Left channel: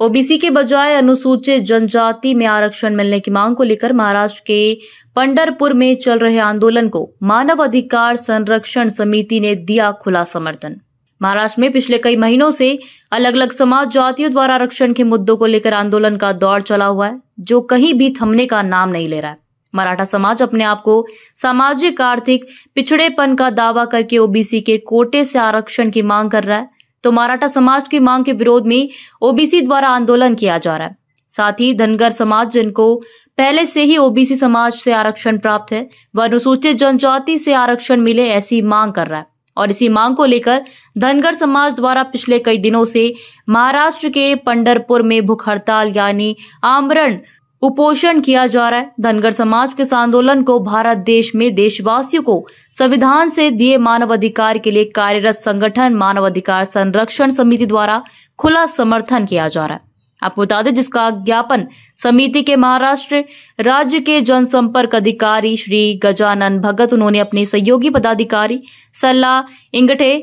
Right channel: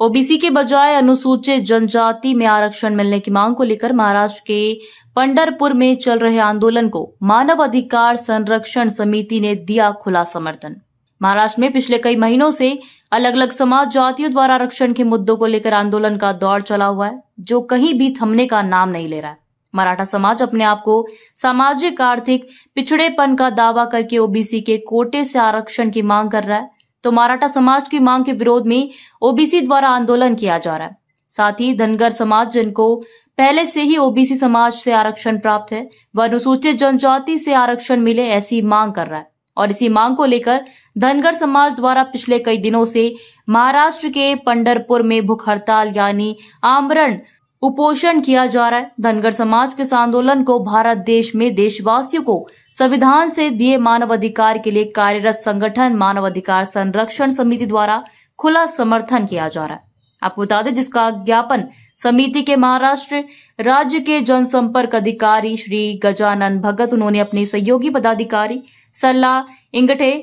OBC के बजाय अनुसूचित जनजाति में आरक्षण मिलने की मांग को लेकर महाराष्ट्र के पंढरपुर में चल रहे आंदोलन को मानव अधिकार संरक्षण समिति ने दिया खुला समर्थन। महाराष्ट्र में पिछले कई महीनों से अलग अलग समाज जातियों द्वारा आरक्षण के मुद्दों को लेकर आंदोलन का दौर चला हुआ है, जो कहीं भी थमने का नाम नहीं ले रहा है। मराठा समाज अपने आप को सामाजिक आर्थिक पिछड़ेपन का दावा करके ओबीसी के कोटे से आरक्षण की मांग कर रहा है, तो मराठा समाज की मांग के विरोध में ओबीसी द्वारा आंदोलन किया जा रहा है। साथ ही धनगर समाज, जिनको पहले से ही ओबीसी समाज से आरक्षण प्राप्त है, वह अनुसूचित जनजाति से आरक्षण मिले ऐसी मांग कर रहा है। और इसी मांग को लेकर धनगर समाज द्वारा पिछले कई दिनों से महाराष्ट्र के पंढरपुर में भूख हड़ताल यानी आमरण उपोषण किया जा रहा है। धनगर समाज के इस आंदोलन को भारत देश में देशवासियों को संविधान से दिए मानव अधिकार के लिए कार्यरत संगठन मानव अधिकार संरक्षण समिति द्वारा खुला समर्थन किया जा रहा है। आपको बता दें, जिसका ज्ञापन समिति के महाराष्ट्र राज्य के जनसंपर्क अधिकारी श्री गजानन भगत, उन्होंने अपने सहयोगी पदाधिकारी सल्ला इंगठे,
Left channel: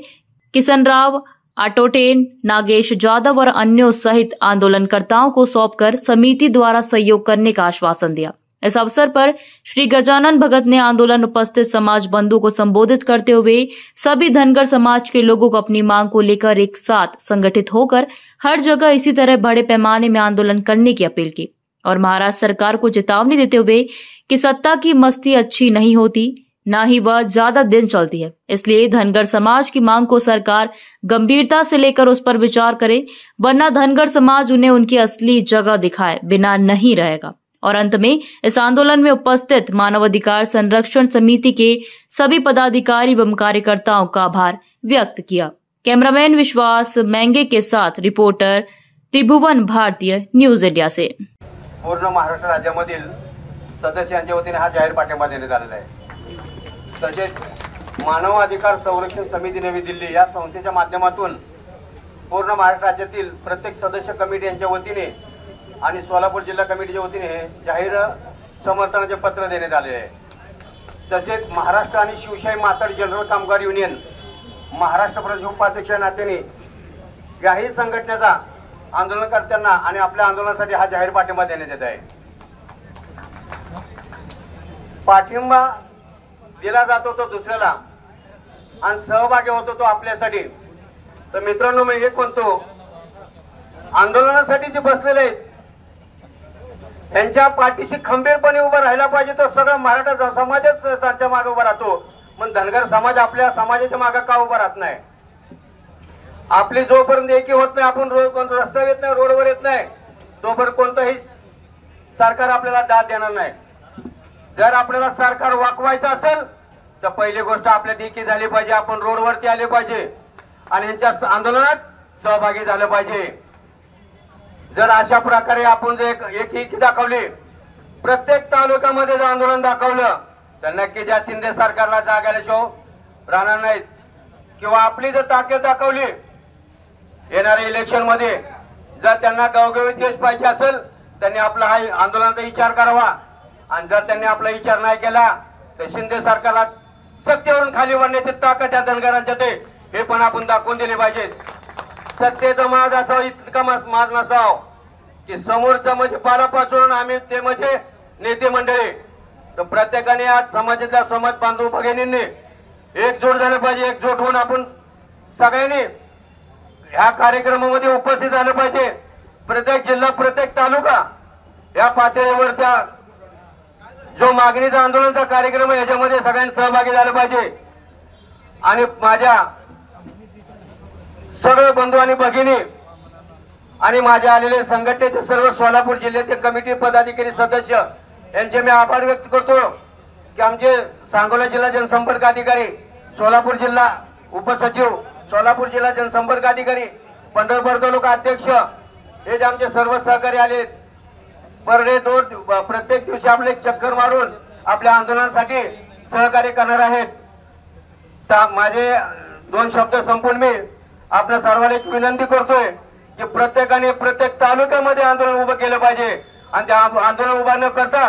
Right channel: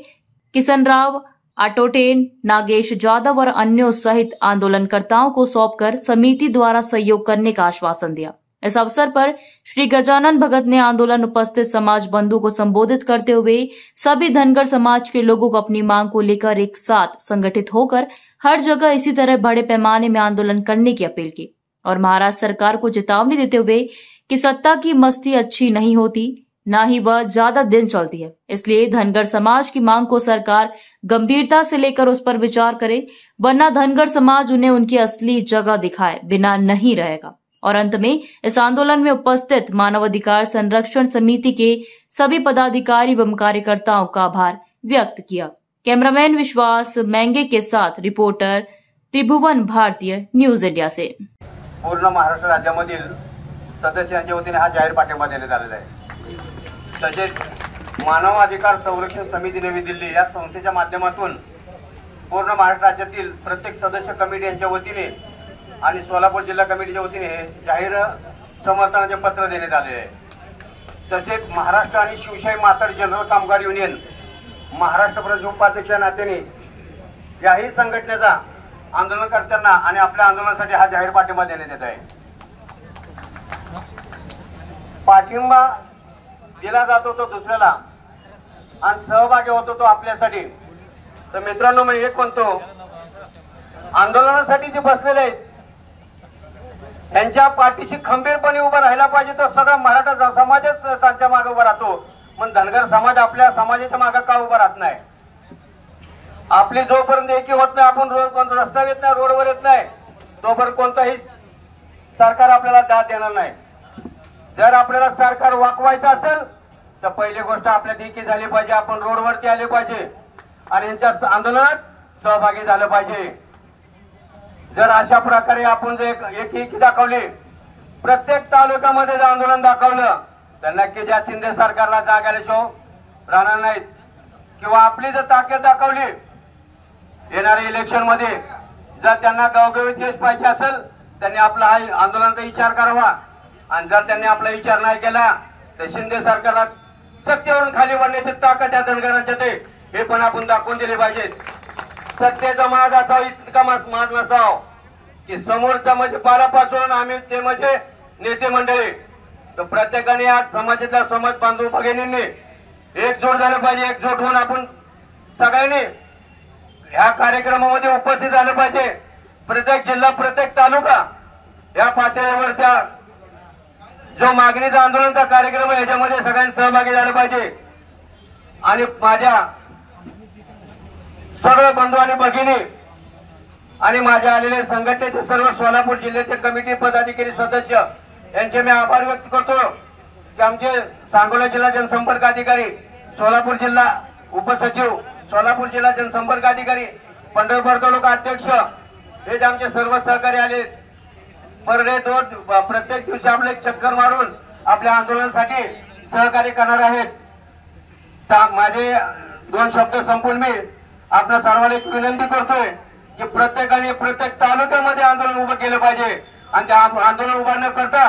किशन राव आटोटेन, नागेश जाधव और अन्यों सहित आंदोलनकर्ताओं को सौंपकर समिति द्वारा सहयोग करने का आश्वासन दिया। इस अवसर पर श्री गजानन भगत ने आंदोलन उपस्थित समाज बंधु को संबोधित करते हुए सभी धनगर समाज के लोगों को अपनी मांग को लेकर एक साथ संगठित होकर हर जगह इसी तरह बड़े पैमाने में आंदोलन करने की अपील की और महाराष्ट्र सरकार को चेतावनी देते हुए कि सत्ता की मस्ती अच्छी नहीं होती, ना ही वह ज्यादा दिन चलती है। इसलिए धनगर समाज की मांग को सरकार गंभीरता से लेकर उस पर विचार करे, वरना धनगर समाज उन्हें उनकी असली जगह दिखाए बिना नहीं रहेगा। और अंत में इस आंदोलन में उपस्थित मानवाधिकार संरक्षण समिति के सभी पदाधिकारी एवं कार्यकर्ताओं का आभार व्यक्त किया। कैमरामैन विश्वास मेंगे के साथ रिपोर्टर त्रिभुवन भारतीय, न्यूज इंडिया से। पूर्ण महाराष्ट्र राज्यामधील सदस्यांच्या वतीने हा जाहीर पाठिंबा देण्यात आलेला आहे। तसेच मानव अधिकार संरक्षण समिती नवी दिल्ली या संस्थेच्या माध्यमातून पूर्ण महाराष्ट्र राज्यातील प्रत्येक सदस्य कमिटी यांच्या वतीने आणि सोलापूर जिल्हा कमिटीच्या वतीने जाहीर समर्थनाचे पत्र देण्यात आले आहे। तसेच महाराष्ट्र आणि शिवशाही मातड जनरल कामगार युनियन महाराष्ट्र प्रदेश उपाध्यक्ष नात्याने याही संघटनेचा आंदोलनकर्त्यांना आणि आपल्या आंदोलनासाठी हा जाहीर पाठिंबा देण्यात येत आहे। पाठिंबा दिला जातो तो दुसऱ्याला आणि सहभागी होतो तो आपल्यासाठी। तर मित्रांनो, मी एक म्हणतो, आंदोलनासाठी जे बसलेले आहेत त्यांच्या पाठीशी खंबीरपणे उभा राहायला पाहिजे। तो सगळा मराठा समाजच त्यांच्या मागे उभा राहतो, पण धनगर समाज आपल्या समाजाच्या मागे का उभा राहत नाही? आपली जोपर्यंत एकी होत नाही, आपण रस्त्यावर येत नाही, रोडवर येत नाही, तोपर्यंत कोणताही सरकार आपल्याला दाद देणार नाही। जर आपल्याला सरकार वाकवायचं असेल तर पहिली गोष्ट आपल्यात एकी झाली पाहिजे, आपण रोडवरती आले पाहिजे आणि यांच्या आंदोलनात सहभागी झालं पाहिजे। जर अशा प्रकारे आपण जे एकी दाखवली, प्रत्येक तालुक्यामध्ये जर आंदोलन दाखवलं तर नक्की ज्या शिंदे सरकारला जागायला शो राहणार नाहीत। किंवा आपली जर ताकद दाखवली येणाऱ्या इलेक्शन मध्ये, जर त्यांना गावोगावी देश पाहिजे असेल त्यांनी आपला हा आंदोलनाचा विचार करावा आणि जर त्यांनी आपला विचार नाही केला तर शिंदे सरकारला सत्तेवरून खाली वाढण्याची ताकद त्या धनगरांच्या हे पण आपण दाखवून दिले पाहिजे। सत्तेचा माज असावा, इतका माज नसावा की समोरच्या म्हणजे पालापासून आम्ही ते म्हणजे नेते मंडळी, तर प्रत्येकाने आज समाजातल्या समाज बांधव भगिनींनी एकजूट झालं पाहिजे। एकजूट होऊन आपण सगळ्यांनी ह्या कार्यक्रमामध्ये उपस्थित झालं पाहिजे। प्रत्येक जिल्हा, प्रत्येक तालुका या पातळीवर त्या जो मागणीचा आंदोलनाचा कार्यक्रम आहे याच्यामध्ये सगळ्यांनी सहभागी झालं पाहिजे। आणि माझ्या सर्व बंधू आणि भगिनी आणि माझ्या आलेले संघटनेचे सर्व सोलापूर जिल्ह्याचे कमिटी पदाधिकारी सदस्य यांचे मी आभार व्यक्त करतो की आमचे सांगोला जिल्हा जनसंपर्क अधिकारी, सोलापूर जिल्हा उपसचिव, सोलापूर जिल्हा जनसंपर्क अधिकारी, पंढरपूर तालुका अध्यक्ष हे जे आमचे सर्व सहकारी आले, पर डे प्रत्येक दिवशी आपले चक्कर मारून आपल्या आंदोलनासाठी सहकार्य करणार आहेत। माझे दोन शब्द संपून मी आपल्या सर्वांना एक विनंती करतोय की प्रत्येकाने प्रत्येक तालुक्यामध्ये आंदोलन उभं केलं पाहिजे आणि त्या आंदोलन उभा न करता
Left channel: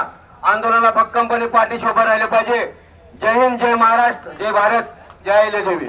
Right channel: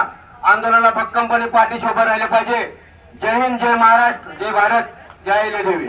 आंदोलनाला भक्कमपणे पाठीशी उभं राहिले पाहिजे। जय हिंद, जय महाराष्ट्र, जय भारत, जय अहिल्यादेवी।